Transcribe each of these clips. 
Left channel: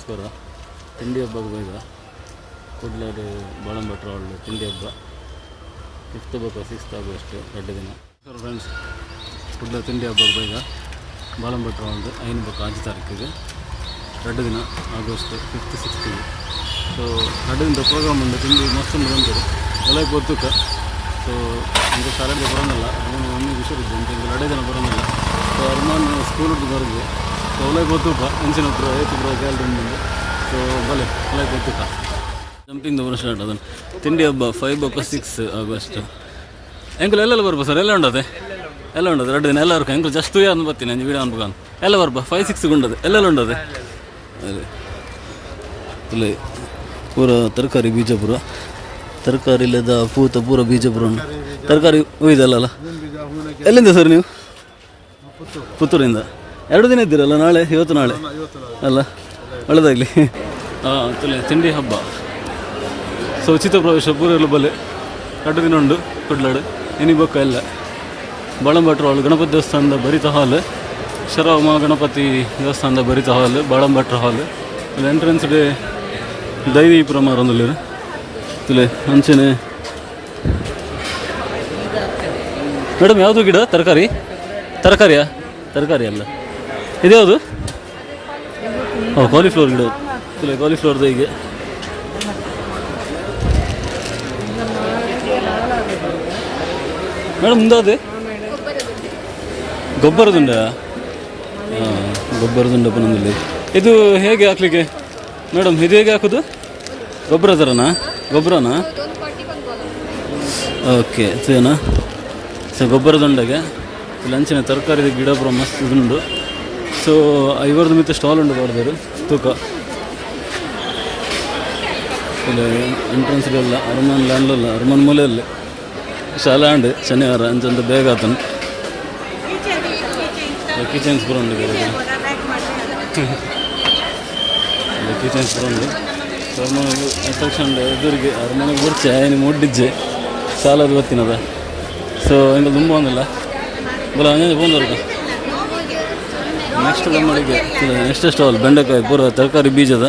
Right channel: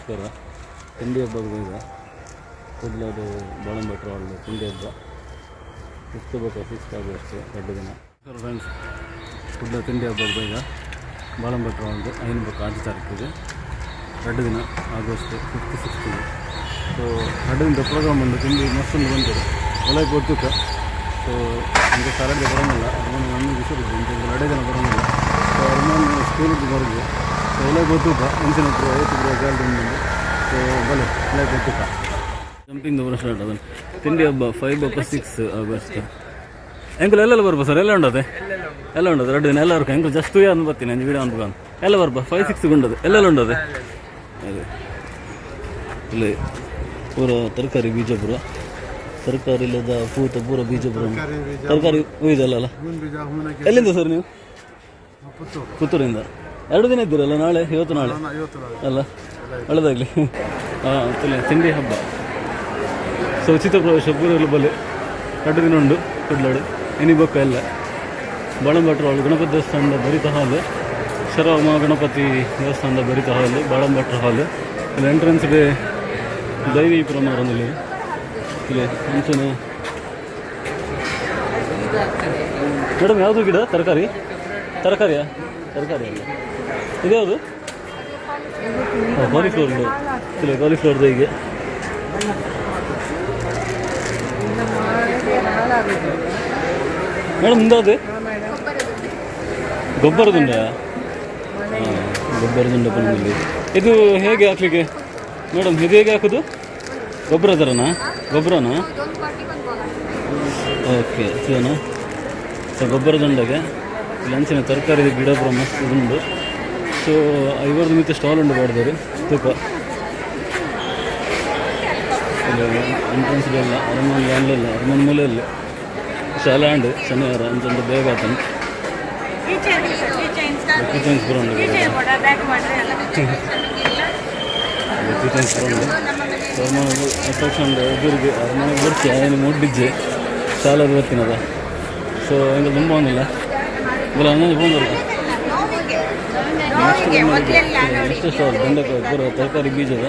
ನಮಸ್ಕಾರ. ತಿಂಡಿ ಹಬ್ಬಕ್ಕೆ ಹೋಯ್ದ ಕೂಡಲೇ ಬಾಳಂಬಟ್ರ ಹಾಲ್ ತಿಂಡಿ ಹಬ್ಬ 5th ಬೇಕು 6th ಆಗಸ್ಟ್ 2 ದಿನ. ಫ್ರೆಂಡ್ಸ್ ಕೂಡಲೇ ತಿಂಡಿ ಹಬ್ಬಕ್ಕೆ ಹೋಯ್ದ ಬಾಳಂಬಟ್ರ ಹಾಲ್ದು 5 ಬೇಕು 5 ತಾರೀಕಿಗೆ 2 ದಿನ ಆಗಸ್ಟ್ 5th 6th. ಸೊ 2 ದಿನದ ಪ್ರೋಗ್ರಾಮ್ ಒಂದು ತಿಂಡಿ ಮತ್ತೊಂದು ಬಂದಿದೆ ಒಳಗೆ ಗೊತ್ತುಕ. ಸೊ ನಮಗೆ ಸಾಲಡ್ದೆ ಬರೋಂಗಿಲ್ಲ ಅರ್ಮನ್ ಮಮ್ಮಿ ವಿಷಯದ್ದು ಅಂತ 2 ದಿನ ಬರೋಂಗಿಲ್ಲ. ಸೊ ಅರ್ಮನ್ ಸ್ಕೂಲ್ದು ಬರೋದು ಸೊ ಒಳಗೆ ಗೊತ್ತುಕ ಹೆಂಚಿನ ಹತ್ರ ಏತು ಗ್ಯಾಲ್ರಿ ಮುಂದೆ. ಸೊ ಬಲೆ ಒಳಗೆ ಗೊತ್ತುಕ ಜಂಪಿಂಗ್ ಬರೋ ಸ್ಟಾರ್ಟ್ ಅದನ್ನು ತಿಂಡಿ ಹಬ್ಬ 5 ಬೇಕು 6 ಆಗಸ್ಟ್. ಎಂಕಲ್ ಎಲ್ಲೆಲ್ಲ ಬರ್ಬೋದು ಸರ್? ಎಲ್ಲ ಉಂಡದೆ ಎಲ್ಲ ಉಂಡದು 2 ದಿನ ಎಲ್ಲ ಬರ್ಕ ಎಂಕಲ್ ಜಸ್ಟ್ ಯಾರು ಬರ್ತೀನಿ ಅಂಜು ವೀಡಿಯೋ ಅನ್ಬೇಕು ಎಲ್ಲ ಬರ್ಬ 5, 6 ಉಂಡದೆ ಎಲ್ಲೆಲ್ಲ ಉಂಡದೆ ಅದೇ ಇಲ್ಲ ಪೂರ ತರಕಾರಿ ಬೀಜಪುರ ತರಕಾರಿ ಇಲ್ಲದ ಪೂತ ಪೂರ ಬೀಜಪುರ ತರಕಾರಿ ಒಯ್ದಲ್ಲ. ಎಲ್ಲಿಂದ ಸರ್ ನೀವು? ಪುತ್ತೂರಿಂದ. 2 ದಿನ ಇದ್ದೀರಲ್ಲ? ನಾಳೆ ಇವತ್ತು ನಾಳೆ ಅಲ್ಲ ಒಳ್ಳೆದಾಗಲಿ. ತಿಂಡಿ ಹಬ್ಬ. ಸೊ ಉಚಿತ ಪ್ರವೇಶ ಪೂರೆಲ್ಲ ಬಲೆ 2 ದಿನ ಉಂಡು ಕೊಡ್ಲಾಡು ಎನಿ ಬೊಕ್ಕ ಎಲ್ಲ ಬಾಳಂಬಟ್ರ ಹಾಲ್ ಗಣಪತಿ ದೇವಸ್ಥಾನದ ಭರಿತ ಹಾಲ್ ಶರವಮ ಗಣಪತಿ ದೇವಸ್ಥಾನದ ಭರಿತ ಹಾಲ್ ಬಾಳಂಬಟ್ರ ಹಾಲ್. ಇಲ್ಲಿ ಎಂಟ್ರೆನ್ಸ್ ಡೇ ದೈವಿ ಪ್ರಮಾರೊಂದಲ್ಲಿ ಇಲ್ಲಿ ಅಂಚನೆ. ಮೇಡಮ್ ಯಾವುದು ಗಿಡ? ತರಕಾರಿಯಾ? ತರಕಾರಿ ಅಲ್ಲ ಇದು ಯಾವುದು? ಕಾಲಿಫ್ಲವರ್ ಗಿಡ. ಇಲ್ಲ ಕಾಲಿಫ್ಲವರ್ದು ಹೀಗೆ ಮೇಡಮ್ ಮುಂದಾದ ಗೊಬ್ಬರದುಂಡ. ಗೊಬ್ಬರದುಂಡಪ್ಪ ನಮ್ಮಲ್ಲಿ. ಇದು ಹೇಗೆ ಹಾಕ್ಲಿಕ್ಕೆ ಮೇಡಮ್? ಇದು ಹೇಗೆ ಹಾಕೋದು? ಗೊಬ್ಬರ ಥರನಾ? ಗೊಬ್ಬರನಾ? ಓಕೆ ಸೇನಾ. ಸೊ ಗೊಬ್ಬರದುಂಡಗೆ ಇಲ್ಲಿ ಅಂಚಿನ ತರಕಾರಿ ಗಿಡ ಪುರ ಮಸ್ತ್ ಉಂಡು. ಸೊ 50 ಮಿತ್ತ ಸ್ಟಾಲ್ ಉಂಡು ಮಾಡಿದರು ತೂಕ. ಇಲ್ಲಿ ಎಂಟ್ರೆನ್ಸ್ಗೆಲ್ಲ ಅರಮನೆ ಲ್ಯಾಂಡ್ಲಲ್ಲ ಅರಮನೆ ಮೂಲೆಯಲ್ಲಿ ಶಾಲಾ ಅಂಡು ಶನಿವಾರ ಅಂಚಂತ ಬೇಗ ಆತನು ಕಿಚನ್ಸ್ ಪುರ ಉಂಡು. ಕಿಚನ್ಸ್ ಪುರ ಉಂಡು. ಅರಮನೆಗೆ ಅಟ್ರಾಕ್ಷನ್ ಎದುರಿಗೆ ಅರಮನೆಗೆ ಬರ್ಚಿ ಏನು ಮುಡ್ಡಿಜ್ಜೆ ಸಾಲದು ಗೊತ್ತಿನದ. ಸೊ ಹಿಂಗೆ ತುಂಬ ಒಂದಲ್ಲ ಇಲ್ಲ ಹಂಗೆ ಬಂದವ್ರಿಗೆ ನೆಕ್ಸ್ಟ್ ಸ್ಟಾಲ್ ಬೆಂಡೆಕಾಯಿ ಪೂರ ತರಕಾರಿ ಬೀಜದ.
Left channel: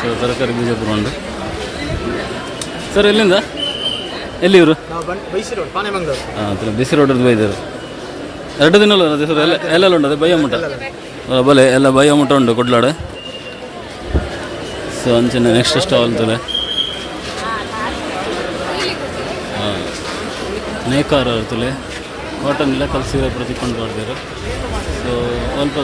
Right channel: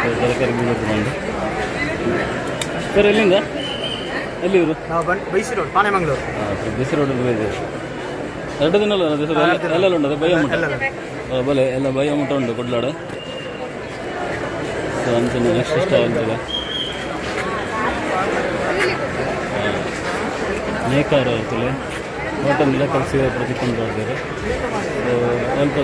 ಸೊ ತರಕಾರಿ ಬೀಜ ಪೂರ ಉಂಡು. ಸರ್ ಎಲ್ಲಿಂದ ಎಲ್ಲಿ ಇವರು? ಬಿಸಿ ರೋಡಲ್ಲಿ ಬೈದಾರೆ 2 ದಿನ ಎಲ್ಲೆಲ್ಲ ಉಂಟು ಅದೇ ಬಯ್ಯ ಮುಟ್ಟ ಬಲೆ ಎಲ್ಲ ಬಯ್ಯ ಮುಟ್ಟ ಉಂಟು ಕೊಡ್ಲಾಡೆ. ಸೊ ಅಂಚಿನ ನೆಕ್ಸ್ಟ್ ಸ್ಟಾಲ್ ಅಂತಲೇ ನೇಕಾರ ಇರ್ತಲೆ ಕಾಟನ್ನೆಲ್ಲ ಕಲಿಸಿ ಪ್ರತಿಕೊಂಡು ಮಾಡಿದ್ದಾರೆ. ಸೊ ಸ್ವಲ್ಪ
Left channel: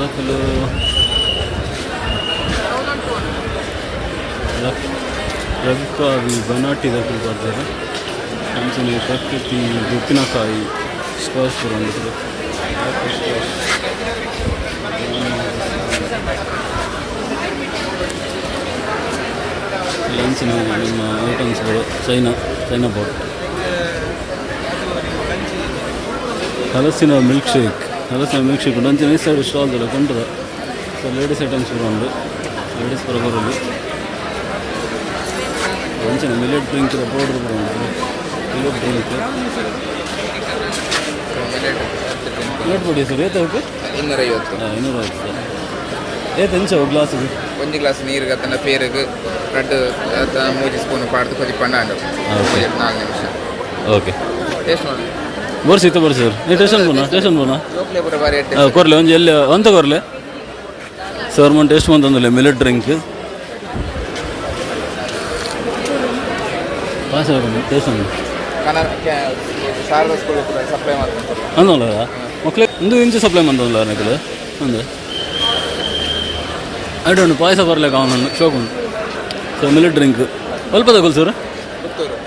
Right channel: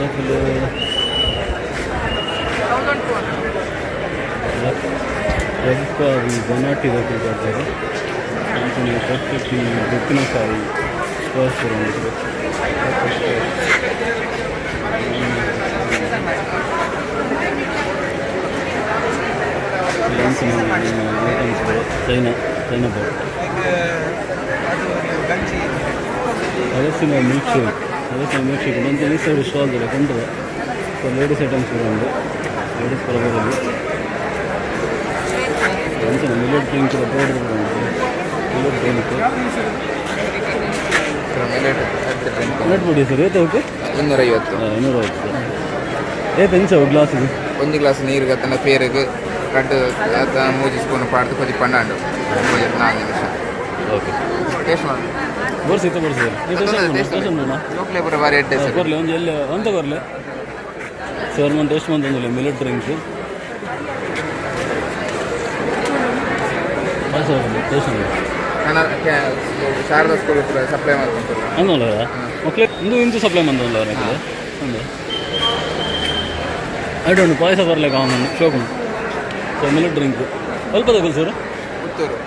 ರವಿಕಾವಿ ಬನಾಟಿ ದಾಖಲು ಮಾಡ್ತಾರೆ. ಅಂಚನೆ ಪ್ರಕೃತಿ ಉಪ್ಪಿನಕಾಯಿ ಸ್ಕಾಚ್ ಪುರ ಅಂದಿದ್ರು. ಅಂಚನೆ ನಿಮ್ಮ ಐಟಮ್ಸ್ಗಳು ಚೈನಾ ಬಾಟ್ ಹಲಸಿನ ಮಿಲ್ಕ್ ಶೇಕ್ ಅಂಚನೆ ಈ ಸೈಡ್ ಸ್ಟಾಲ್ದಲ್ಲ ಕಂಟದ. ಸೊ ಲೇಡೀಸ್ ಐಟಮ್ಸ್ ಪುರ ಉಂಡು. ಲೇಡೀಸ್ ಪುರ ಬರೋದು ಅಂಚನೆ ಮಿಲೆಟ್ ಡ್ರಿಂಕ್ ಪೌಡರ್ ಪುರ ಉಂಟು. ಮಿಲೆಟ್ ಡ್ರಿಂಕ್ ಮಿಲೆಟ್ ಪುಡಿ ಸರ್ ಏತ ಅವಕ್ಕೆ 250 ಏತ ಎಂಚವು ಗ್ಲಾಸಿಗೆ? 1 ಗ್ಲಾಸ್ ನೀರಿಗೆ ತನ್ನ ಪೇರಿಗೆ 2-3 ಸ್ಪೂನ್ ಪಾಡ್ದು ಕೊಚ್ಚಿ ಪಂಡಾಂಡು 4 ನಿಮಿಷ. ಓಕೆ ಟೇಸ್ಟ್ ಮಾಡಿ ಬರ್ಸಿತ್ತು ಬರ್ಸಿದ್ರು ನೀವು ಟೇಷನ್ ಬೋನ ಕೊರ್ಲೆ ಒಂದು ಎಲ್ಲಿ ಅಂತ ಕೊರ್ಲೆ ಸರ್ ಮನ್ ಟೇಸ್ಟ್ ಬಂತಂದಲ್ಲ ಮಿಲೆಟ್ ಡ್ರಿಂಕ್ ಟೇಸ್ಟ್ ಅಂದಲ್ಲ ಮಕ್ಕಳು ಒಂದು ಇಂಚು ಸಪ್ಲೈ ಬಂದಲ್ಲ ನನಗೆ ಒಂದು ಅಡ್ಡು ಪಾಯಸ ಬರಲಿಕ್ಕೆ ಅವನು ಶೋಕು. ಸೊ ಮಿಲೆಟ್ ಡ್ರಿಂಕ್ ಸ್ವಲ್ಪ ತಗೊಳ್ಳಿ ಸರ್.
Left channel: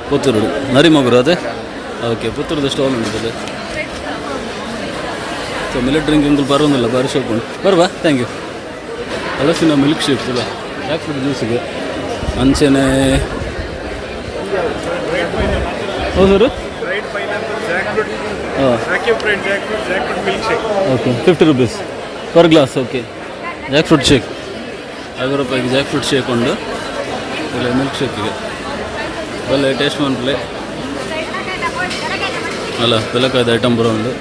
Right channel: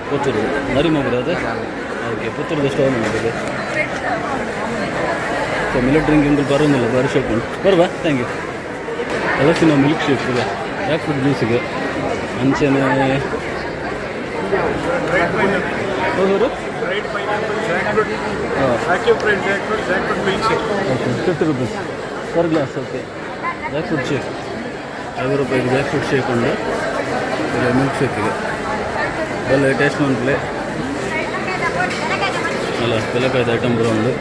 ಪುತ್ತೂರು ನರಿಮಗುರು ಅದೇ ಓಕೆ ಪುತ್ತೂರದ ಸ್ಟಾಲ್ ಉಂಟು. ಸೊ ಮಿಲೆಟ್ ಡ್ರಿಂಕ್ ಇಂದು ಬರೋದಿಲ್ಲ ಬಾರಿ ಶೋಕ್ ಉಂಟು ಬರುವ. Thank you. ಹಲಸಿನ ಮಿಲ್ಕ್ ಶೇಕ್ ಇಲ್ಲ ಜಾಕ್ ಫ್ರೂಟ್ ಜ್ಯೂಸಿಗೆ ಅಂಚನೆ ಹೌದು okay 50 rupees per glass. Okay jackfruit shake 5 ರೂಪಾಯಿಗೆ ಜಾಕ್ ಫ್ರೂಟ್ ಶೇಕ್ ಉಂಡು. ಇಲ್ಲ ಮಿಲ್ಕ್ ಶೇಕಿಗೆ ಬಲ್ಲೆ ಟೇಸ್ಟ್ ಮಾಡ್ಲೆ ಅಲ್ಲ ಬೆಲಕಾಯ್ದ ಐಟಮ್ ಬರೋ ಉಂಡು.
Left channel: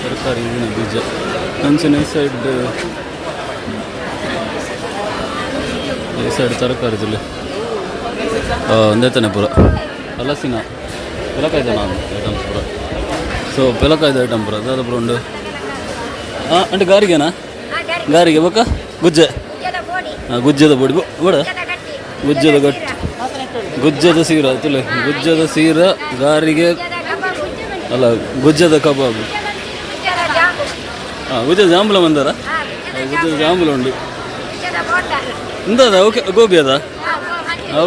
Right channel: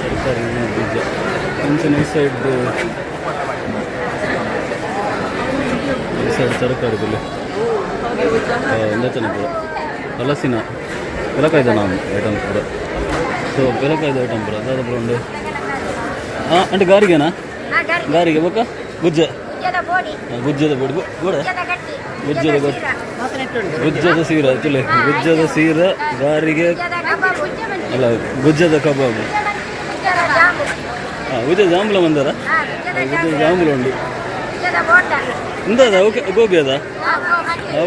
ತರಕಾರಿ ಬೀಜ ಅಂಚನೆ ಸೈಡ್ ಈ ಸೈಡ್ ತರಕಾರಿ ತುಲೆ ಒಂದೇ ಪೂರ ಹಲಸಿನ ಪಿಲಕಾಯ್ದ ನಾನು ಐಟಮ್ಸ್ ಪೂರ ಸೊ ಪಿಲಕಾಯ್ದ ಐಟಮ್ ಪೂರ ಅದಾದ ಪೂರ ಉಂಡು అంటే గారిగేనా గాರಿಗೆ ಬೇಕಾ ಗುಜ್ಜೆ ಗುಜ್ಜದ ಬೋಡಿ ಬೋಡ ಗುಜ್ಜದ ಗಟ್ಟಿ ಗುಜ್ಜದ ಸೀರ ತುಲೆ ಗುಜ್ಜದ ಸೀರ ಗಾರಿಗೆ ಅಲ್ಲ ಗುಜ್ಜದ ಕಬಾಬು ಗುಜ್ಜದ ಜಾಂಬುಲ ಬಂದಾರ ಗುಜ್ಜದ ಜಾಂಬುಲ ಉಂಡು ಎಂದದ ಓಕೆ ಗೋಬಿ ಅದ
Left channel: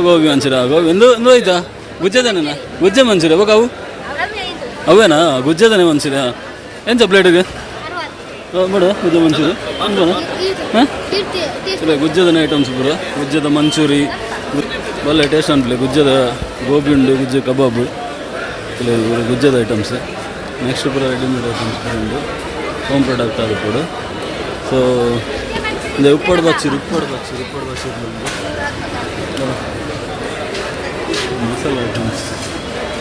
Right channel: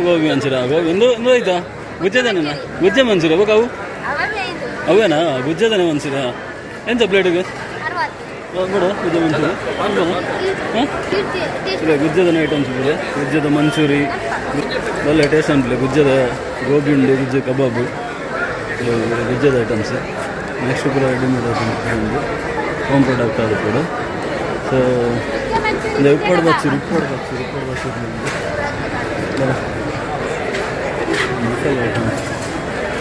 ಗೋಬಿ ಮಂಚೂರ ಗೋಬಿ ಎಂದು ಆಯ್ತಾ ಗುಜ್ಜದನೇನಾ ಗುಜ್ಜೆ ಮಂಚೂರ ಬೇಕಾ ಅವು ಅವೇನಾ ಗುಜ್ಜದನೇ ಮಂಚೂರ ಎಂತ ಪ್ಲೇಟಿಗೆ ಮೇಡ ಗುಜ್ಜೆ ಮಂಚೂರಿ ಹಾಂ ಗುಜ್ಜದ ಐಟಮ್ಸ್ ಪೂರ ಗುಜ್ಜದ ಮಂಚೂರಿ ಒಳ್ಳೆ ಟೇಸ್ಟ್ ಅನ್ಪಲೆ ಗುಜ್ಜದ ಗೋಬಿ ಉಂಡು ಗುಜ್ಜೆ ಕಬಾಬು ಇಲ್ಲ ಗುಜ್ಜದ ಐಟಮ್ಸ್ ನೆಕ್ಸ್ಟ್ ಪೂರ ರೆಡಿಮೇಡ್ ಐಟಮ್ಸ್ ಪೂರ ಉಂಡು ಹೋಮ್ ಪ್ರಾಡಕ್ಟ್ ಅದು ಕೂಡ ಸೊ இந்த உப்பாடு பாக்ஸ்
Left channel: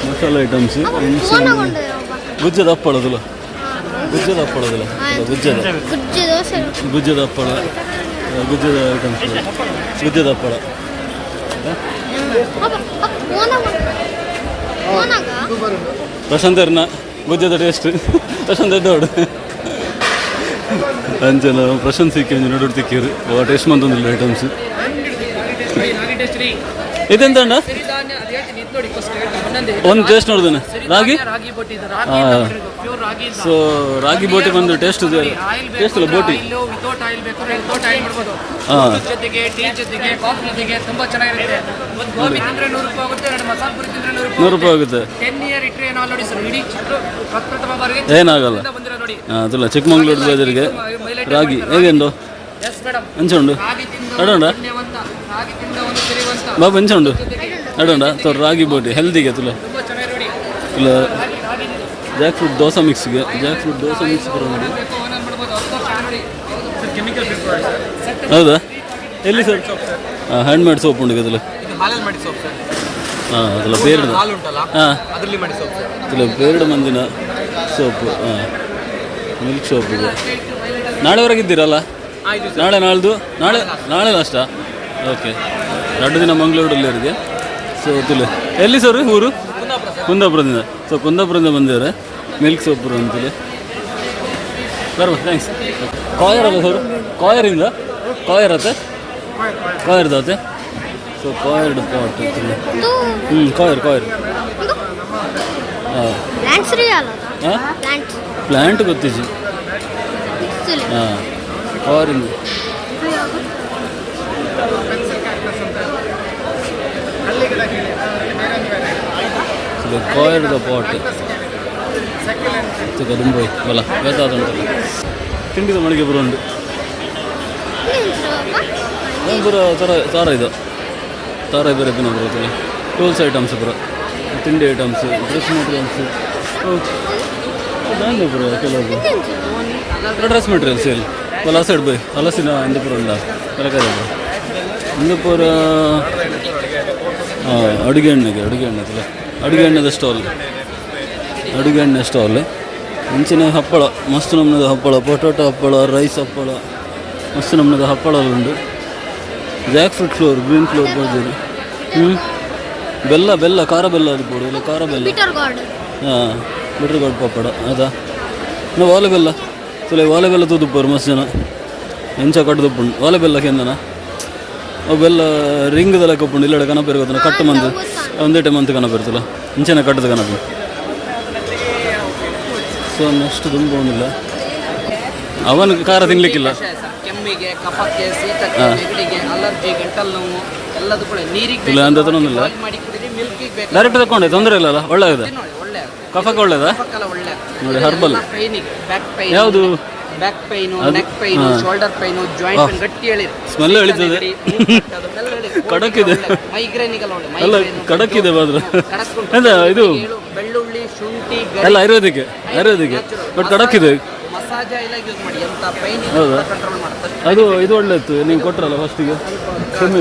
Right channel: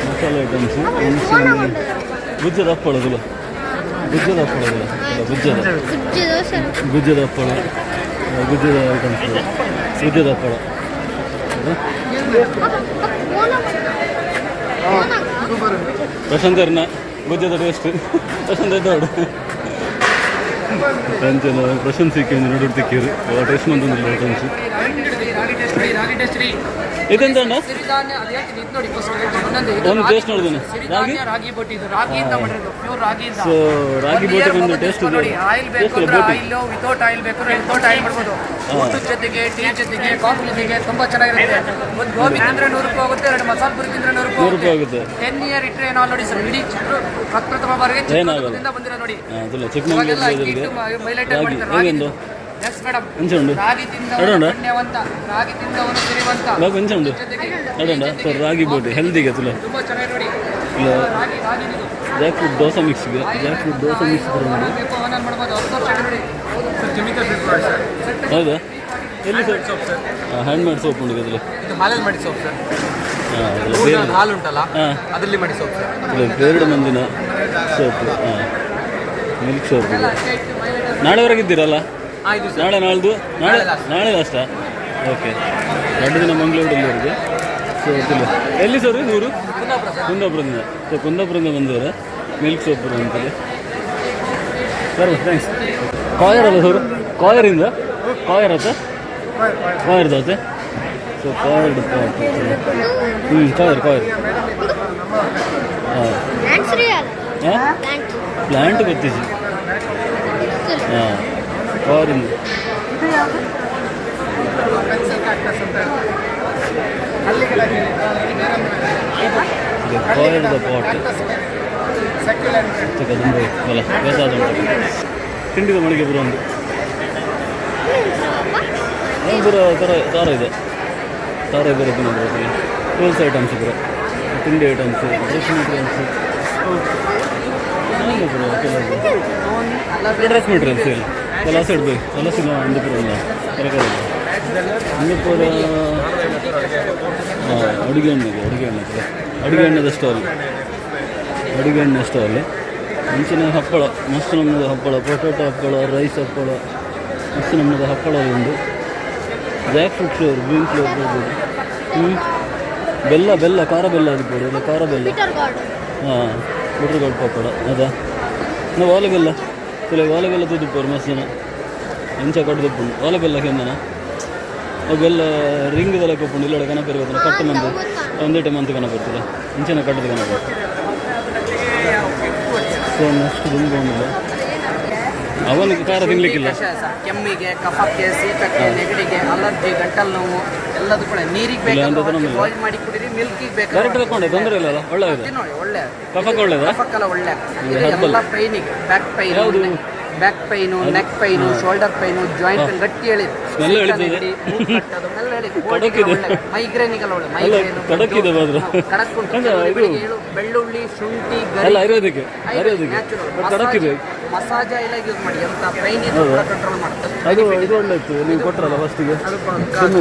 ಮಸಾಲ ಐಟಮ್ಸ್ ಗುಜ್ಜದ ಹಪ್ಪಳದಲ್ಲ ಗುಜ್ಜದ ಹಪ್ಪಳ ಗುಜ್ಜದ ಐಟಮ್ಸ್ ಗುಜ್ಜದ ಹಪ್ಪಳ ಪ್ರಶಾಂತ್ ಅವ್ರನ್ನ ಗುಜ್ಜದ ಟೇಸ್ಟ್ ಪ್ರಶಾಂತ್ ಎದ್ದೋಡು ಅಂಚನ ಪ್ರಶಾಂತ್ ಸಿಕ್ಕಿ ನೋಡೋದು ತಿಕ್ಕಿರು ಟೇಸ್ಟ್ ಬಂತಂದಿಲ್ಲ ಐಟಮ್ಸ್ ಇದೆಂತ ಒಂದು ಟೇಸ್ಟ್ ನೋಡಿದ್ದೇನೆ ಸೊ ರಾಗಿ ಬೋಟಿ ಬಂದು ಟೇಸ್ಟ್ ಇದೆ ಜೊತೆಗೆ ಟೀ ಜೊತೆಗೆ ಕಾಫಿ ಜೊತೆಗೆ ತುಂಬಾ ಚೆನ್ನಾಗಿರುತ್ತೆ. ಒಂದು ಗೋಬಿ ತಿಂದ್ರೆ 100 ರೂಪಾಯಿ ಆಗುತ್ತೆ, 2 ಮಸಾಲ ಪುರಿ ತಿಂದ್ರೆ 100 ರೂಪಾಯಿ ಆಗುತ್ತೆ. 10 ಇಯರ್ ಇಟ್ಟರೆ ಏನೋ ನೋಡಿ ಸರ್, ಇಡೀ ಪ್ರಪ್ರಥಮ ಬಾರಿಗೆ ಏನಾಗಲ್ಲ ಬಂದಿರೋ ನೋಡಿ. ಅದಲ್ಲ ಚಿಕ್ಕಮಂಗ್ಳೂರು ಬಜಾರಿಗೆ ರಾಗಿ ಹೇಗೆಂದು ಎಂಚುಂಡು ಅಡೋಂಡ ಬಾಬು ಎಂಚುಂಡು ಅಡೋಂಡ ತೋರ್ ರಾಗಿ ಬೋಟಿ ಹೆಲ್ದಿಗೆ ತುಲ ಇಲ್ಲ ಜಾಕ್ ಫ್ರೂಟ್ ದೋಸೆ ಮಿಕ್ಸ್ಗೆ ಬರೋ ನೋಡಿ. ಹೌದಾ ಎಲ್ಲಿ ಸರ್? ಹ್ಯಾಂಡ್ ಮೇಡ್ ಸೋಪ್ ಉಂಟು ಅದಲ್ಲ ಹಾಂ ಅದಲ್ಲ ಬೇರೆ ಹಾಂ ಬೇರೆ ಮಂದಿನ ಸೋಪು ಹಾಂ ಮಿಲ್ಕ್ ಸೋಪ್ ಇದೆ. ನಾಳೆವರೆಗಿದ್ದೀರಲ್ಲ? ನಾಳೆ ಲಾಸ್ಟಾ? ಓಕೆ, 2 ದಿನ ಮಂಗಳೂರಲ್ಲಿ ಇರಿಗೆ. ಸೊ ತಿಳಿ ಎಲ್ಲಿ ಸರ್ ಊರು? ಕುಂದಾಪುರದಿಂದ. ಸೊ ಕುಂದಾಪುರದಿಂದ ಬಂದಿದ್ದಾರೆ ಮಿಲ್ಕ್ ಸೋಪು ಅಂತೇಳಿ. ಬರ್ಬೋದು, ಥ್ಯಾಂಕ್ಸ್. ಕಾಯರ್ ಅಲ್ಲ ಸರ್? ಕಾಯರಿಂದ ಕಾಯರತ್ತೆ ಕಾಯರ್ದಾತೆ. ಸೊ ಕಾಯರ್ಡ್ ಪಾಟ್ ಕಾಯರ್ ಹಾಂ ಪ್ಲ್ಯಾಂಟ್ ಗೊತ್ತಿಸಿ ಹಾಂ ಕಾರಿಂದ ಕಾಯರ್ಡ್ ಪಾಟ್ ತುಂಬ ಬಲ ಬೇಕಾದ ಉಂಟು. ತಿಂಡಿದ ಮಳಿಗೆ ಬರೋ ಉಂಟು ಪೂರ ತಾರ ಇದು ತಾರ ಬೇರೆ ದಿನ ಬರುತ್ತದೆ. ಟೂಲ್ಸ್ ಐಟಮ್ಸ್ ಪೂರ ತಿಂಡಿ ಐಟಮ್ಸ್ ಡ್ರೆಸ್ ಮೆಟೀರಿಯಲ್ಸ್ ಪೂರ ಕೆಲವು ಡ್ರೆಸ್ ಮೆಟೀರಿಯಲ್ಸ್ ಇಲ್ಲಿ ಪಲ ಸೈಡ್ ಬೈ ಹಲಸಿನ ಅಂದಪುರದಿಂದ ತರಕಾರಿ ಅಂದಪುರ ಅಡುಗೆ ಎಣ್ಣೆದ ಸ್ಟಾಲ್ ಮುಂಚಿನ ಹಪ್ಪಳ ಮಸ್ತ್ ನಮ್ಮನದ ಹಪ್ಪಳ, ಪೊಟೊಟೊ ಹಪ್ಪಳ, ರೈಸ್ ಹಪ್ಪಳ, ಮಸ್ತ್ ನಮ್ಮನದ ಹಪ್ಪಳ ಉಂಟು. Jackfruit flour, green flour ಬರ್ಬೋದು. ಬೆಲ್ಲ ಖಾರ ಬೆಲ್ಲ ಇರ್ಬೋದು, ಇಲ್ಲ ಖಾರ ಬೆಲ್ಲ. ಹಾಂ ಬಿಟ್ರ್ ಗಾರ್ಡ್ ಪಪ್ಪಡ ಅದಾ ನಾವು ವಾಲೆ ಬೆಲ್ಲ ತುದುಪ್ಪರು ಮಸ್ತ್ ಜನ ಎಂಚ ಕಟ್ಟುದುಪ್ಪುಂಡು ವಾಲೆ ಬೆಲ್ಲಕ್ಕೆ ಎಂದನ ಅವು ಬೆಲ್ಲ ರಿಂಗ್ದೆಲ್ಲ ಕಪ್ಪುಂಡು ಇಲ್ಲಡೆ ಕನಪೇರು ಗೊತ್ತನ ಕಟ್ಟು ಮಂತ್ ಒಂದೇ ಟೈಮ್ ಅಂತ ಕನಪೇರ್ತಲ್ಲ ಇಂಚೆನ ಕಟ್ಟದ ಕನಪ. ಸೊ ನೆಕ್ಸ್ಟ್ ತುಂಬ ಏನಿಲ್ಲ, ಅವನಿಗೆ ಖಾರ ತಿನ್ಲಿಕ್ಕಿಲ್ಲ. ಕೆಮ್ಮಿಗೆ, ಕಫಕ್ಕೆ, ಶೀತಕ್ಕೆ, ನೆಗಡಿಗೆ, ಅಲರ್ಜಿ, ಗಂಟಲು ನೋವು ಎಲ್ಲದೂ ಕೂಡ ನೀರಿಗೆ ಮಾಡಿ ಕುಡಿರಿ. ಮಿಲ್ಕಿಗೆ ಬೇಕು ಡೈರೆಕ್ಟ್ ತಗೊಂಡೆ ತೊಂದರೆ ಇಲ್ಲಲ್ಲ, ಒಳ್ಳೆಯದು. ಒಳ್ಳೆ ಕಫಕ್ಕೆ ಒಳ್ಳೆಯದಾ? ಕಫಕ್ಕೆಲ್ಲ ಒಳ್ಳೆ. ಪೈನಿಗೆ ಬ್ಯಾಕ್ ಪೈನ್, ಯಾವುದು back pain, neck pain, shoulder pain, joint pain ಗಟ್ಟಿ ಹೇಳಿ ಸ್ಮೆಲ್ ಎಳಿತದೆ, ಕಡಕಿದೆ, ಮೈಗ್ರೇನಿಗೆಲ್ಲ ಒಳ್ಳೆ. ಕಡಕಿದೆ ಮಾತ್ರ ಇದು ಬೆಳ್ಳುಳ್ಳಿ, ಶುಂಠಿ ಎಲ್ಲ ಆಯುರ್ವೇದಿಕ್ ಬಟ್ ಕಡಕಿದೆ. ಮಸಾಜ್ ಎಲ್ಲ ಯೂಸ್ ಮಾಡಿ, ಎಂತ ಪೈನ್ ಕಂಟ್ರೋಲ್ ಮಾಡುತ್ತೆ. ಅದು ಇದು ಒಳ್ಳೆತ್ತು ನೀವು ಕೊಟ್ಟರಲ್ಲ ಫಸ್ಟಿಗೆ.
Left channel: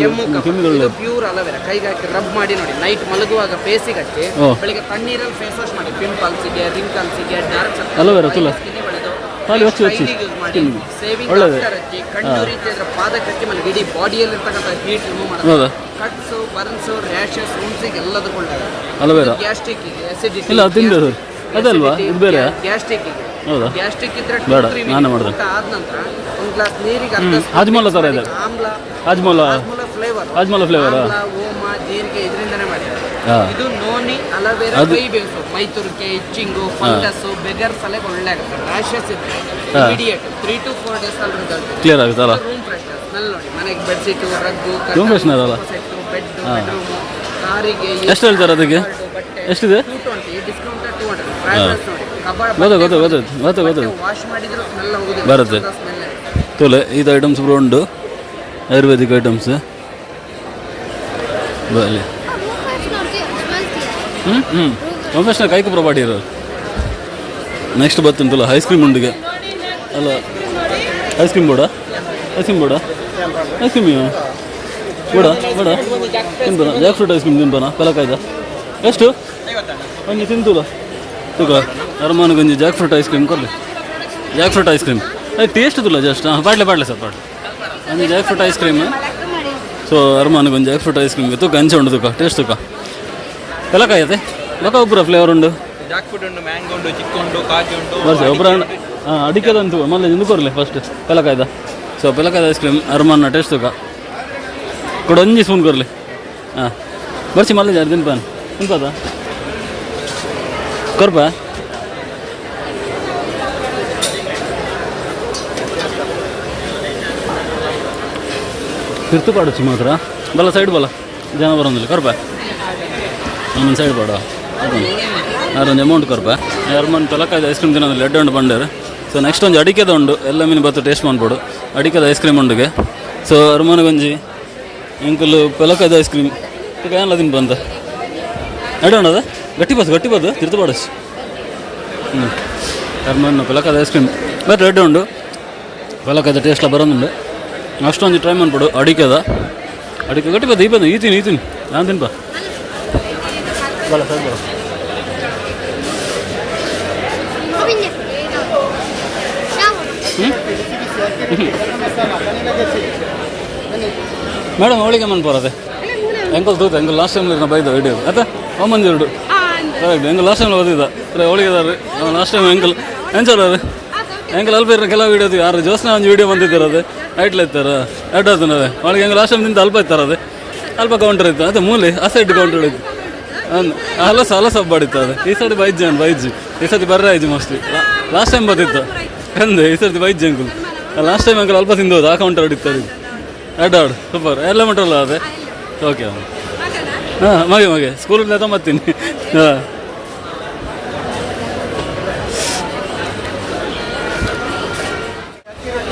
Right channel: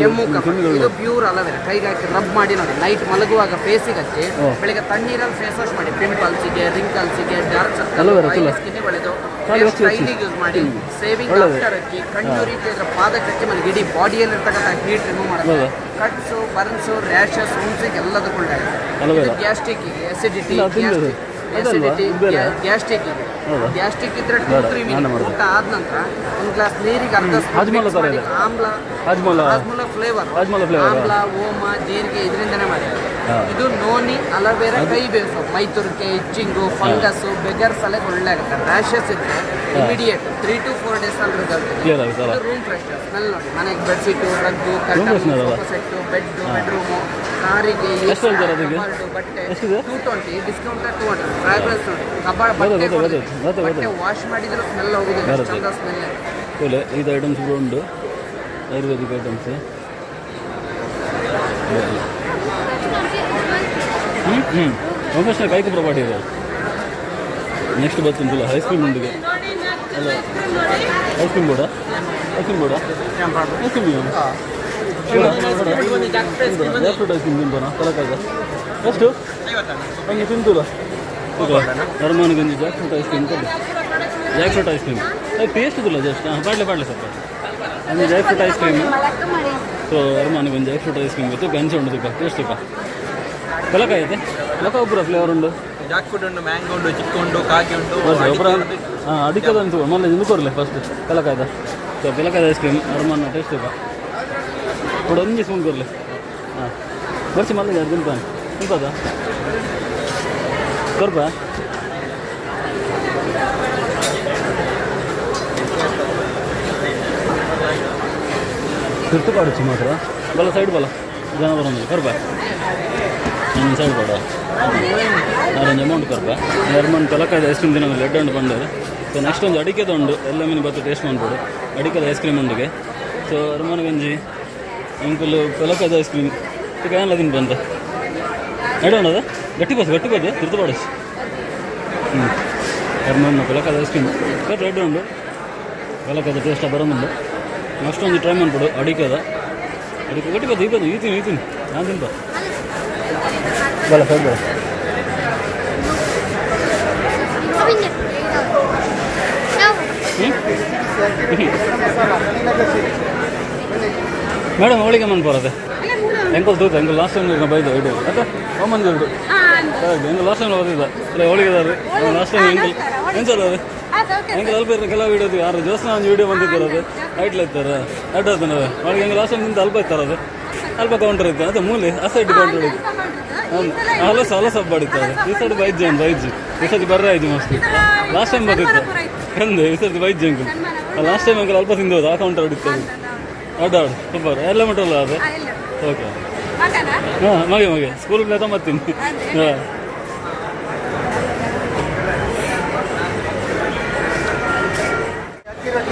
ಕೆಮ್ಮು ಕಫ ಇದು ಪ್ಯೂರ್ ಅಲೋವೆರಾ. ಕೈಗೆ ಹಾಕಿ ರಬ್ ಮಾಡಿ ನೋಡಿ, ನೈಟ್ ಮಲಗುವಾಗ ಫೇಸಿಗೆ ಹಚ್ಚಿ, ಬೆಳಿಗ್ಗೆ ತಣ್ಣೀರಲ್ಲಿ ಫೇಸ್ ವಾಶ್ ಮಾಡಿ. ಪಿಂಪಲ್ಸಿಗೆ, ರಿಂಕಲ್ಸಿಗೆ, ಡಾರ್ಕ್ ಅಲೋವೆರಾ ಸ್ಕಿನ್ ಒಳ್ಳೆದು. ಖಾಲಿ ಹಚ್ಚಿ ಹಚ್ಚಿ ಸ್ಕಿನ್ ಸೇವಿಂಗ್ ಒಳ್ಳೆಯದು. ಹಚ್ಚಿ ಕಣ್ಣು ರೀತಿ ಇದ್ರೆ ಪಾದಕ್ಕೆ ಹಚ್ಚಿ ಮೇಲೆ ಇಡೀ ಬಾಡಿಯಲ್ಲಿ ಇರ್ತಕ್ಕಂಥ ಹೀಟ್ ರಿಮೂವ್ ಮಾಡೋದು. ಹೌದಾ ಕಟ್ಸು ಬರ್ನ್ಸು ರ್ಯಾಷಸ್ ಉಣ್ಸಿಗೆ ಎಲ್ಲದಕ್ಕೂ ಒಳ್ಳೆಯದು. ಅಲೋವೆರಾ ಗ್ಯಾಸ್ಟ್ರಿಕ್ ಇದೆ, ಅಸಿಡಿಟಿ ಇಲ್ಲ ತಿಂದು ಅದಲ್ವಾ ಇದು ಬೇರೆ ಗ್ಯಾಸ್ಟ್ರಿಕ್ ಇದೆ. ಹೌದಾ ಗ್ಯಾಸ್ಟ್ರಿಕ್ ಇದ್ರೆ ಬೇಡ, 2-3 ನಾನೇ ಮಿನಿಟ್ ಮಾಡೋದು. ಊಟ ಆದ ನಂತರ ಒಂದು ಗ್ಲಾಸ್ ನೀರಿಗೆ ಅರ್ಧ ಸ್ಪೂನ್ ಹಾಜ್ಮೋಲ mix ಥರ ಮಾಡಿ ಇದೆ. ಆಮ್ಲ ಹಾಜ್ಮೋಲ ಫ್ಲೇವರ್ ಹಾಜ್ಮೋಲ ಫ್ಲೇವರ್ ಆಮ್ಲ ಓಮ ಜೀರಿಗೆ ಇದರಿಂದನೇ ಮಾಡಿದ್ದಾರೆ. ಹಾಂ ಇದು ನೋನಿ ಅಲೋವೆರಾ ಕೈ ಬೇಸು ಮೈತುರಿಕೆ ಇಚ್ಚಿಂಗು ಫಂಗಸ್ಸು ಬೆಗರ್ ಸಲಕ್ಕೆ ಒಳ್ಳೆ ಆಗುತ್ತೆ. ರ್ಯಾಷಸ್ ಇದ್ರೆ ಇಮಿಡಿಯೇಟ್ 3 to 4 days ಅಲ್ಲಿ ರಿಸಲ್ಟ್ ಇದೆ. ಕ್ಲಿಯರ್ ಆಗುತ್ತಲ್ಲ ರೂಮ್ ಫ್ರೆಶ್ನರ್ ಸ್ಮೆಲ್ ನೋಡಿ, ಮನೆಗೆ ಬೆಡ್ಶೀಟು ರಗ್ಗು ರೂಮ್ ಫ್ರೆಶ್ನರ್ ಅಲ್ಲ ಬೆಡ್ ಬೆಡ್ರೂಮು ಕಾರಿಗೆ ಎಷ್ಟು ಹೇಳ್ತಾರೆ ಅದಕ್ಕೆ ಎಷ್ಟಿದೆ 220 ಡಿಸ್ಕೌಂಟ್ 200 ಫ್ರೈಡೇಸ್ ನೋಡಿ ಕಬಾಡ್ ಗೊತ್ತು ವಾಶ್ ಮಾಡಿದ್ರು ಸ್ಮೆಲ್ ಹೋಗುದು ಬರುತ್ತೆ. ಸ್ಮೆಲ್ ತೋಲೆ ಇದು ಐಟಮ್ಸ್ ಕೂಡ ಉಂಟು ಆಯುರ್ವೇದಿಕ್ ಐಟಮ್ಸ್. ಪ್ರೊಫೆಷನಲ್ ಕೈಕು ಪ್ರೊವೈಡ್ ಇರೋದು. ನೆಕ್ಸ್ಟ್ ಬರ್ತುಂಟಲ್ಲ ಐಸ್ ಕ್ರೀಮ್ ಉಂಡಿಗೆ ಅಲ್ಲ ಐಸ್ ಕ್ರೀಮ್ ಬೋಡ ಐಸ್ ಕ್ರೀಮ್ ತಿಂತಾನ ಜಾಕ್ ಫ್ರೂಟ್ ಐಸ್ ಕ್ರೀಮ್ ತಿಂತಾನ ಕಲಕಾಯ್ದ ಎಷ್ಟು ಹಂಗೆ ತಿಂತದ ಈಗ ಅರಮಾನಗಂಜಿ ಜಾಕ್ ಫ್ರೂಟ್ ಐಸ್ ಕ್ರೀಮ್ ಕೊಡಲಿ. Jackfruit ice cream taste ತುಲ್ಲ ಜಸ್ಟ್ ಪಾಡ್ಲೆ ಸರ್ ಪಾಡ್ಲೆ ಅಂಜಿ jackfruit ice cream. So ಅರಮಾನಗಂಜಿ ಜಾಕ್ ಫ್ರೂಟ್ ಐಸ್ ಕ್ರೀಮ್ ತುಕ ಹಂಚೆ ಉಂಡು ತುಕ ಟೇಸ್ಟ್ ತುಕ ಕಲಕಾಯತೆ ಲಕ ಒಬ್ಬರ ಫ್ಲೇವರ್ ಉಂಡು ಜಾಕ್ ಫ್ರೂಟ್ ಉಂಟು, ಮ್ಯಾಂಗೋ ಉಂಟು, ಚಿಕ್ಕು ಉಂಟು, ಕಾಜು ಉಂಟು, ಒಬ್ಬರ ಅಡಿಕೆದಂತು ಮೊನ್ನೆ ಇಂದು ಕೊರಲಿ ಫಸ್ಟ್ ಕಲಕಾಯ್ದ. ಸೊ ಕಲಕಾಯ್ದ ಐಸ್ ಕ್ರೀಮ್ ಅರಮಾನ ಟೇಸ್ಟ್ ತುಕ ಕೊಡು ಒಂಜಿ ಸ್ಪೂನ್ ಕೊರಲಿ. ಹಾಂ ಬರ್ಸಿ ಮಲ್ಲ ಜಾರು ತಿನ್ಪಾನ ತಿನ್ಪದ ಕೊರ್ಪ ತಿರ್ತು ಪಾಡು ಮಾತ್ರ ಬಲ್ಲ ಸೈಡ್ ಬಲ್ಲ ಜನ ಬರೋದಿಲ್ಲ ಕೊರ್ಪ ಇನ್ನೊಂದು ಸೈಡ್ ಪಾಡು ಅದೊಂದು ಅಮೌಂಟ್ ಕೊರ್ಪ ಅರಮಾನ ಕಲಕಾಯ್ದ ಐಸ್ ಕ್ರೀಮ್ ತಿನ್ನೋದಿಲ್ಲ ಎಡ್ಡೆ ಉಂಡು ಬಂಡೇರು. ಸೊ ನೆಕ್ಸ್ಟ್ ಒಂದು ಅಡಿಕೆದ ಉಂಡು ಎಲ್ಲ ಮೀನು ಬತ್ತು ಟೇಸ್ಟ್ ಮಾಡ್ಬೋದು ಅಡಿಕೆದ ಐಸ್ ಕ್ರೀಮ್ ಉಂಡಿಗೆ. ಸೊ ಅರಮಾನ ಗಂಜಿ ಅಂಕಲ್ ಪೆಲಕಾಯ್ದ ಐಸ್ ಕ್ರೀಮ್ ಈಗ ಎಲ್ಲ ತಿನ್ ಬಂದ ಅಡೋಣದ ಗಟ್ಟಿ ಬದ್ದು ತಿರ್ತು ಪಾಡಿಸಿ ಅರಮಾನ ಪೆಲಕಾಯ್ದ ಐಸ್ ಕ್ರೀಮ್ ಬಟ್ ರೆಡ್ ಉಂಡು ಪೆಲಕಾಯ್ದ ಟೇಸ್ಟ್ ಬರೋದುಂಡು. ಅಷ್ಟೊಂದು ಟ್ರೈ ಮಾಡ್ಬಿಡು ಅಡಿಕೆ ಗಟ್ಟಿ ಬದ್ದು ಈ ತಿನ್ನಿ ನಾನು ತಿನ್ಪ ಬಲ ಸರ್ ಬರ ಮೇಡಮ್ ಅವಳಿಗೆ ಮನ್ ಬರೋದೆ ಎಂಕಲ್ ತೂತ ಎಂಕಲ್ ಲಾಸ್ಟ್ ಟೈಮ್ ಬೈದ ವಿಡಿಯೋ ಅತ್ತೆ ಒಂಬಂದಿ ಎರಡು ಕರೆಕ್ಟ್ ಎಂಕಲ್ ಲಾಸ್ಟ್ ಟೈಮ್ ಓದಿದ್ದ ಅವಳಿಗೆ ಅದಾರೆ ಲಾಸ್ಟ್ ಟೈಮ್ ಎಂಕಲ್ ಎಂಚಲ್ಲ ಅದು ಎಂಕಲ್ ಅಲ್ಪ ಇರೋ ಕೆಲವು ವಿಡಿಯೋ ಯಾರು ಜೋಸ್ನ ಒಂದು ವಿಡಿಯೋ ಬಂದಿದ್ದಾರೆ ಅದು ನೈಟ್ಲ ಇರ್ತಾರ ಎರಡು ಅದೇ ಅವಳಿಗೆ ಹೆಂಗೆ ಲಾಸ್ಟ್ ಟೈಮ್ ನಿಂತ ಅಲ್ಪ ಇರ್ತಾರೆ ಅದೇ ಅಲ್ಪ ಕೌಂಟರ್ ಇತ್ತು ಅದೇ ಮೂಲೆ ಆ ಸೈಡ್ ಕೌಂಟರ್ ಇತ್ತು ಹಲಸ ಬಾಡಿತ್ತು ಅದು ಈ ಸರ್ತಿ ಬೈಜ್ ಈ ಸರ್ತಿ ಬರ್ರ ಆಯ್ತು ಮೋಸ್ಟ್ಲಿ ಲಾಸ್ಟ್ ಟೈಮ್ ಬರ್ತಿತ್ತು ಕಂದೆ ಈ ಸರ್ತಿ ಬೈಜ್ ಅಂಕಲ್ ಲಾಸ್ಟ್ ಟೈಮ್ ಅಂಕಲ್ ಅಲ್ಪ ತಿಂದೋದು ಆ ಕೌಂಟರ್ ಹೊಡಿತ್ತು ಅದು ಎರಡು ಸೂಪರ್ ಎಲ್ಲ ಮಟ್ಟಲ್ಲ ಅದೇ ಓಕೆ ಹಾಂ ಮಗೆ ಸ್ಕೂಲಿಂದ ತೊಂಬತ್ತೀನಿ ಹಾಂ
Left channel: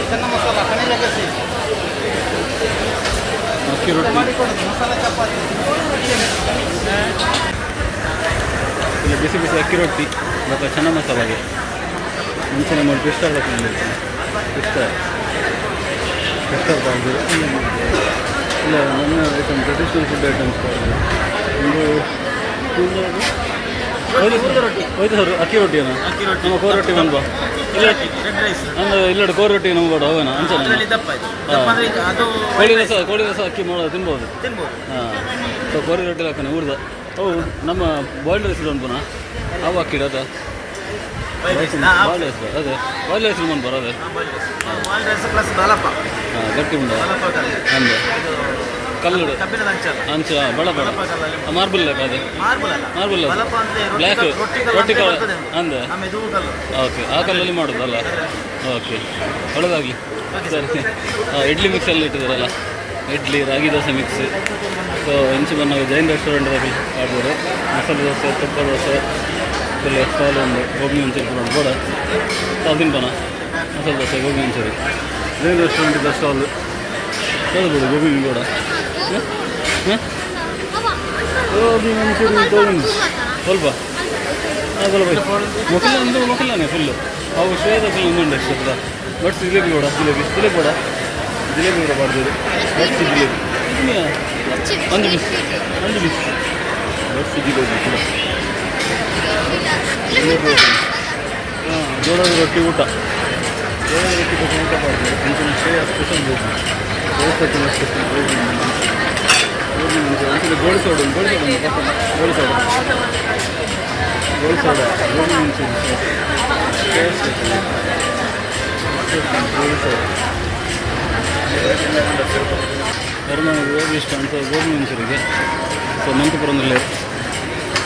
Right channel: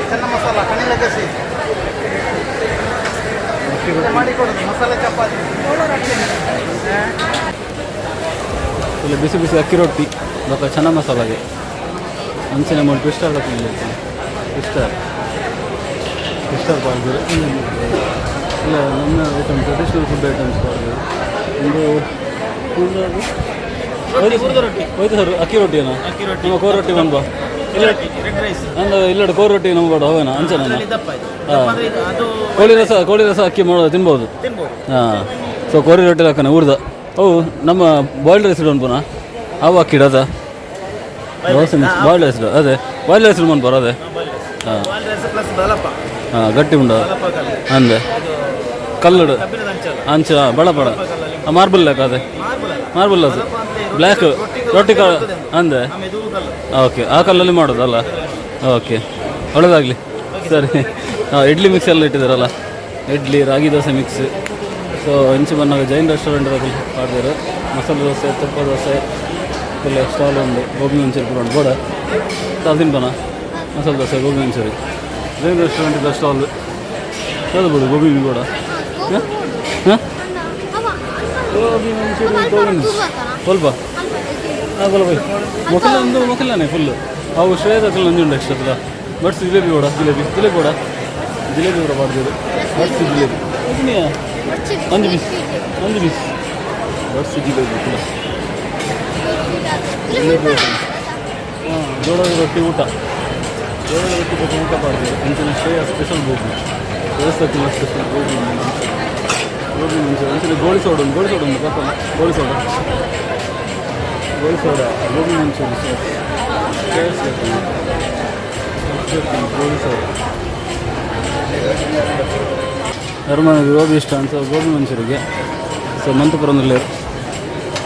ಚೆನ್ನ ಮಸಾಲ ಕಣಿ ಲಗಸಿ ಮಾಡಿಕೊಡೋದು ಮಸಾಲೆ ಚಪಾತಿ ಇಲ್ಲ ಬಿಸಿ ಅಕ್ಕಿ ರೊಟ್ಟಿ ಮತ್ತು ಚೆನ್ನ ಮಸಾಲಾಗೆ ಮುಂಚೆನೆ ಮಾಡಿ ಕ್ರಿಸ್ಟಲ್ ಹಾಕೊಂಡಿರ್ತೀನಿ ಕ್ರಿಸ್ಟಲ್ ಪಾರ್ಜರು ಇಲ್ಲ ನನ್ನ ಐಟಮ್ ಟ್ರೆಡಿಷ್ನಲ್ ಫುಡ್ ಐಟಮ್ಸ್ ಪಾರ್ಜರು ಒಂದು ಹೋಯ್ತು ಸರ್ ಅಕ್ಕಿ ರೊಟ್ಟಿನ ನಮ್ಮ ಕೋರ್ ರೊಟ್ಟಿ ಬಂದ್ಬಾ ಅಂದ್ರೆ ಇಲ್ಲ ಕೋರ್ ರೊಟ್ಟಿ ನಮ್ಮ ಬಾಡು ಹೋಗೋಣ ಅಂಚೆ ಹಾಂ ಕೋಳಿ ರಸ ಅಕ್ಕಿ ಮಾಡೋದು ತಿನ್ಬೋದು. ಹಾಂ ಸೊ ಕೋರಿ ರೊಟ್ಟಿ ಹಾಕೋಣ ಊರ್ದ ಅವು ನಮ್ಮ ಬಾಯ್ಲ್ಡ್ ರೈಸ್ ಉಂಟುನಾ ಅವು ಅಕ್ಕಿ ಇಡೋದ ಬಾಯ್ಲ್ಡ್ ರೈಸ್ ಅದೇ ಬಾಯ್ಲ್ಡ್ ರೈಸ್ ಬಂದು ಬರೋದೆ ಹಾಂ ಹಾಂ ಗಟ್ಟಿ ಉಂಡ ಅಂದೆ ಕಲ್ಲುಡು ಅಂಚ ಬಡ ಮಾರ್ಬಲ್ ಲೆಕ್ಕ ಅದೇ ಮಾರ್ಬಲ್ ಅದು ಬ್ಲ್ಯಾಕ್ ರೊಟ್ಟಿ ಕಾಳು ಅಂದೆ ಓಕೆ ಆ ಕಲ್ಲಲ್ಲಿ ಮಾಡೋದಲ್ಲ ಓಕೆ ಒಳ್ಳೆಯದಾಗಲಿ ಸರಿ. ಇಡ್ಲಿ ಮಿಕ್ಸ್ ಎಲ್ಲ ಇಟ್ಟಿದ್ದಾರಲ್ಲ ಇಡ್ಲಿ ರಾಗಿ ದೋಸೆ ಮಿಕ್ಸ್. ಸೊ ಇಂಚು ಬಂದಾಗ ಜೈನ್ ರೆಸ್ಟೋರೆಂಟಲ್ಲಿ ಮಾಡಿದ್ರು ಮಸಾಲೆ ದೋಸೆ ತುಪ್ಪ ದೋಸೆ ಫುಲ್ ಸ್ಟಾಲ್ ಒಂದು ಗೋಬಿ ಮಂಚೂರಿ ಕೂಡ ಉಂಟು ಬೋಡ ತಿನ್ಬಾನ ಮಸಾಲೆ ದೋಸೆ ಗೋಬಿ ಮಂಚೂರಿ ಜೈನ್ ರೆಸ್ಟೋರೆಂಟಿಂದ ಸ್ಟಾಲ್ ಅದು ಬಿಡು ಗೋಬಿ ಕೂಡ ಹಾಂ ಗೋಬಿ ಮಂಚೂರಿ ತೊಗೊಂಡು ಸ್ವಲ್ಪ ಆಗಲ್ಲ ಬೈ ಮೊಕಲ್ಲನೇ ಫುಲ್ಲು ಅವು ಶ್ರೇಯದ ಒಂದು ಉಂಟು ಅಷ್ಟದ ಬಟ್ಸ್ ಜಿಲೇಬಿ ಕೂಡ ಜಿಲೇಬಿ ಕೂಡ ಮಾಡ್ತೀವಿ ಬಟ್ಸ್ ಜಿಲೇಬಿ ಒಂದು ಪೀಸ್ ಬಟ್ಸ್ ಜಿಲೇಬಿ ಕೂಡ ಜಿಲೇಬಿ ಹಾಂ ಜೋಳದ ರೊಟ್ಟಿ ಊಟ ಬೇರೆ ವ್ಯಕ್ತಿ ಬಗ್ಗೆ ಊಟ ಮಾಡ್ತಾರೆ ಅಂಚಿನ ಸ್ಪೆಷಲ್ ಗೋಬಿ ದೇವಸ್ಥಾನ ಸ್ಪೆಷಲ್ ಗೋಬಿ ಗೋಬಿ ಮುಂಚೆ ಅಂಚಿನ ಗೋಳಿ ಸೋಡ ಒಂದು ಗೋಳಿ ಸೋಡ ಗೋಬಿ ಮಂಚೂರಿ ಗೋಳಿ ಸೋಡ ಹರ್ಮನಿಗೆ ಗೋಬಿ ಇಷ್ಟ ಅಂತ ಗೋಬಿ ಮಂಚೂರಿಗೆ ಸೊ ಮಂತಪುರದಲ್ಲಿ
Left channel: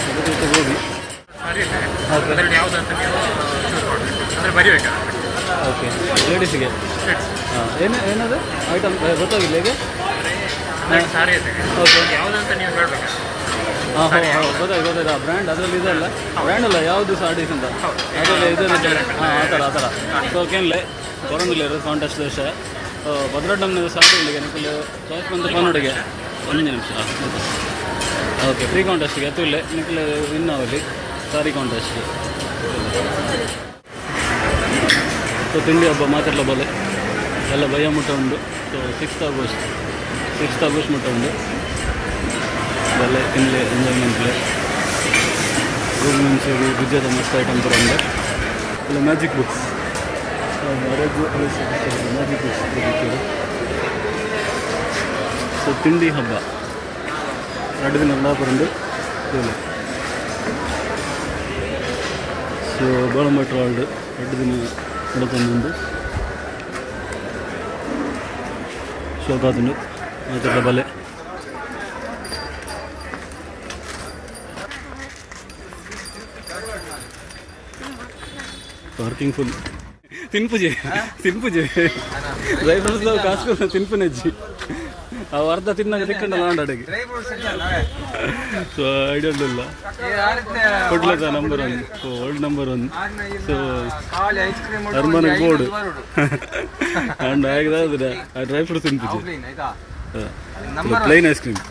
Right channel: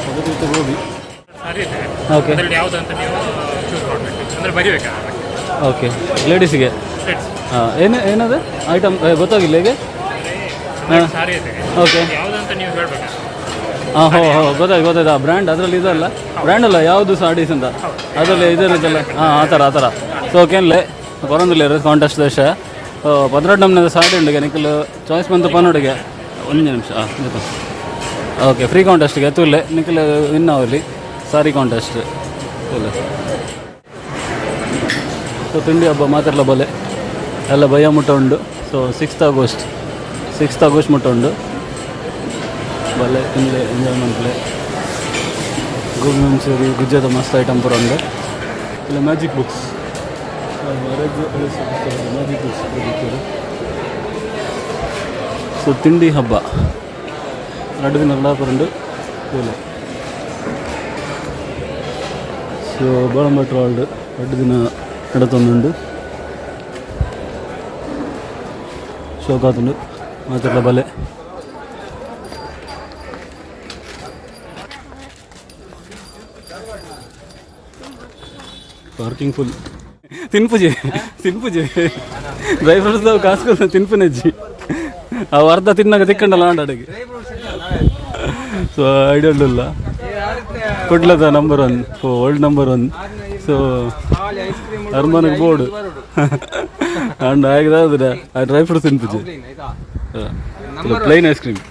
ಅದೇ ರೀತಿ ಗೋಬಿ ಓಕೆ ಓಕೆ ಲೇಡೀಸಿಗೆ ಹಾಂ ಏನದು ಐಟಮ್ ಗೊತ್ತಾಗಿಲ್ಲ ಹೇಗೆ ಹಾಂ ಓಕೆ ಹಾಂ ಗೊತ್ತಾಯ್ತು ಬ್ರ್ಯಾಂಡ್ ಅದರಲ್ಲಿ ಇದಲ್ಲ ಬ್ರ್ಯಾಂಡ್ ಅಲ್ಲ ಯಾವುದು ಸಾಡೀಸ್ ಅಂತ ಅದರಲ್ಲಿ ಇದಿರುತ್ತಲ್ಲ ಹಾಂ ಆ ಥರ ಸೊ ಓಕೆನ್ಲೆ ಬರೋದಿಲ್ಲ ಇರೋದು ಕಾಂಟೆಸ್ಟ್ ದೇಶ 18 ಸಾಡಿ ಉಂಡಿಗೆ ನಿಖಲು ಚಾಯ್ಸ್ ಬಂತು ಪನ್ನೊಡಿಗೆ 1 ನಿಮಿಷ ಗೊತ್ತಾ ಓಕೆ ಫ್ರೀ ಕಾಂಟೆಸ್ಟ್ಗೆ ಎತ್ತುಲ್ಲೆ ನಿಖಲು ವಿನ್ ಆಗಲಿ ಸಾರಿ ಕಾಂಟೆಸ್ಟ್ ಇಲ್ಲ ಸೊ ತಿಂಡಿ ಹಬ್ಬ ಮಾತಾಡಲ ಬಲೆ ಎಲ್ಲ ಭಯ ಮುಟ್ಟ ಉಂಡು ಸೊ 6th ಆಗಸ್ಟ್ ಮುಟ್ಟ ಉಂಡು ಬಲೆ ತಿನ್ನಲೆ ಎಂಜಾಯ್ಮೆಂಟ್ಲೆ ಗೋಬಿ ಮಂಚೂರಿ ಗುಜ್ಜದ ಮಸ್ತ್ ಐಟಮ್ ಪೂರ ಉಂಡು ಇಲ್ಲ ಮ್ಯಾಜಿಕ್ ಬುಕ್ಸ್ ಮ್ಯಾಜಿಕ್ ಬುಕ್ಸ್ ಬರೀತಾರೆ ಸೊ ತಿಂಡಿ ಹಬ್ಬ 2 ದಿನ ಪುರಂಡು ಕೂಲೆ ಸೊ ಬೋಳಂಬಟ್ರ ವಾರ್ಡ್ 2 ದಿನ ನಡತೊಂದುಂಡು ಶೋಕಾತುಂಡು ಮಾತಾಡ ಬಲೆ ಪಾರ್ಕಿಂಗ್ ಫುಲ್ ತಿನ್ಪುಜಿ ಡ್ರೈ ಫ್ರೂಟ್ಸ್ ಕಾಸ್ಕೊಂಡು ತಿನ್ಪುನಜ್ಜಿ ಅವು ಅರ್ಧ ತಿನ್ನಾಗ ತಿಕ್ಕಂಡಲ್ಲ ಆಂಡಾಡಿಗೆ ಸೊ ಐಡಿಯಾ ಇಲ್ಲ ಕೊಡ್ಲದ ನಂಬರ್ 1 ವರ್ಲ್ಡ್ ನಂಬರ್ 1 ಸೊ ಹರ್ಮನಿಗೆ ಬೋರ್ಡ್ ಅಂಡ್ ಆಗಿದ್ರೆ ಡ್ರೈ ಫ್ರೂಟ್ಸ್ ತಿನ್ಪುಜಿ ಪ್ಲೈನ್ ಐಸ್ ಕ್ರೀಮ್